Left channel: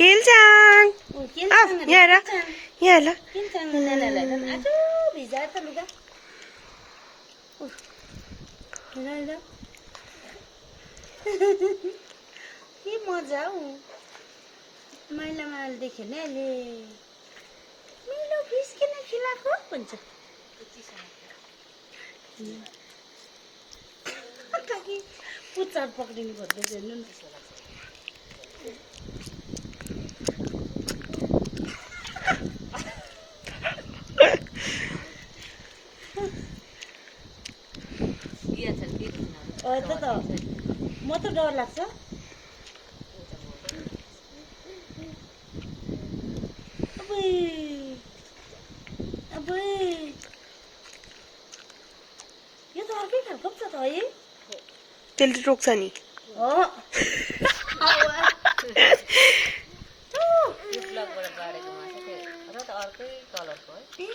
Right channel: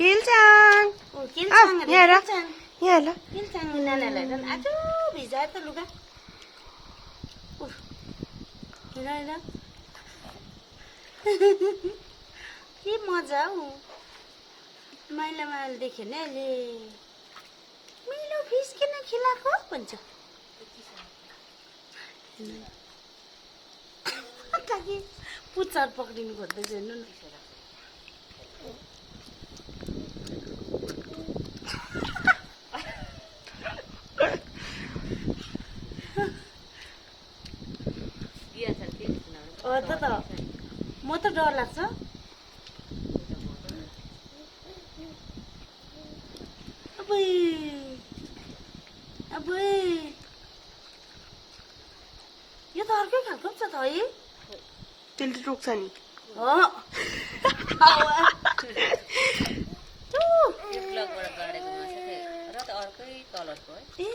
किल्चाङ यहाँ हेर यहाँ हेर आजो भिजायो त लुगा के मजा हौ मैला मैला देख्यो नि अहिले मिलो फिस किन खिलाएको भन्छ पुच्छर पक्रिनु खोज्दैछ हेर्नु न म त डर लाग्छ यो त अर्कै खालको पो छ त है त्यसले रोक्छ नि हो यो ब्लगबाट बाँडेको मासु चाहिँ र त अर्कै कलरको है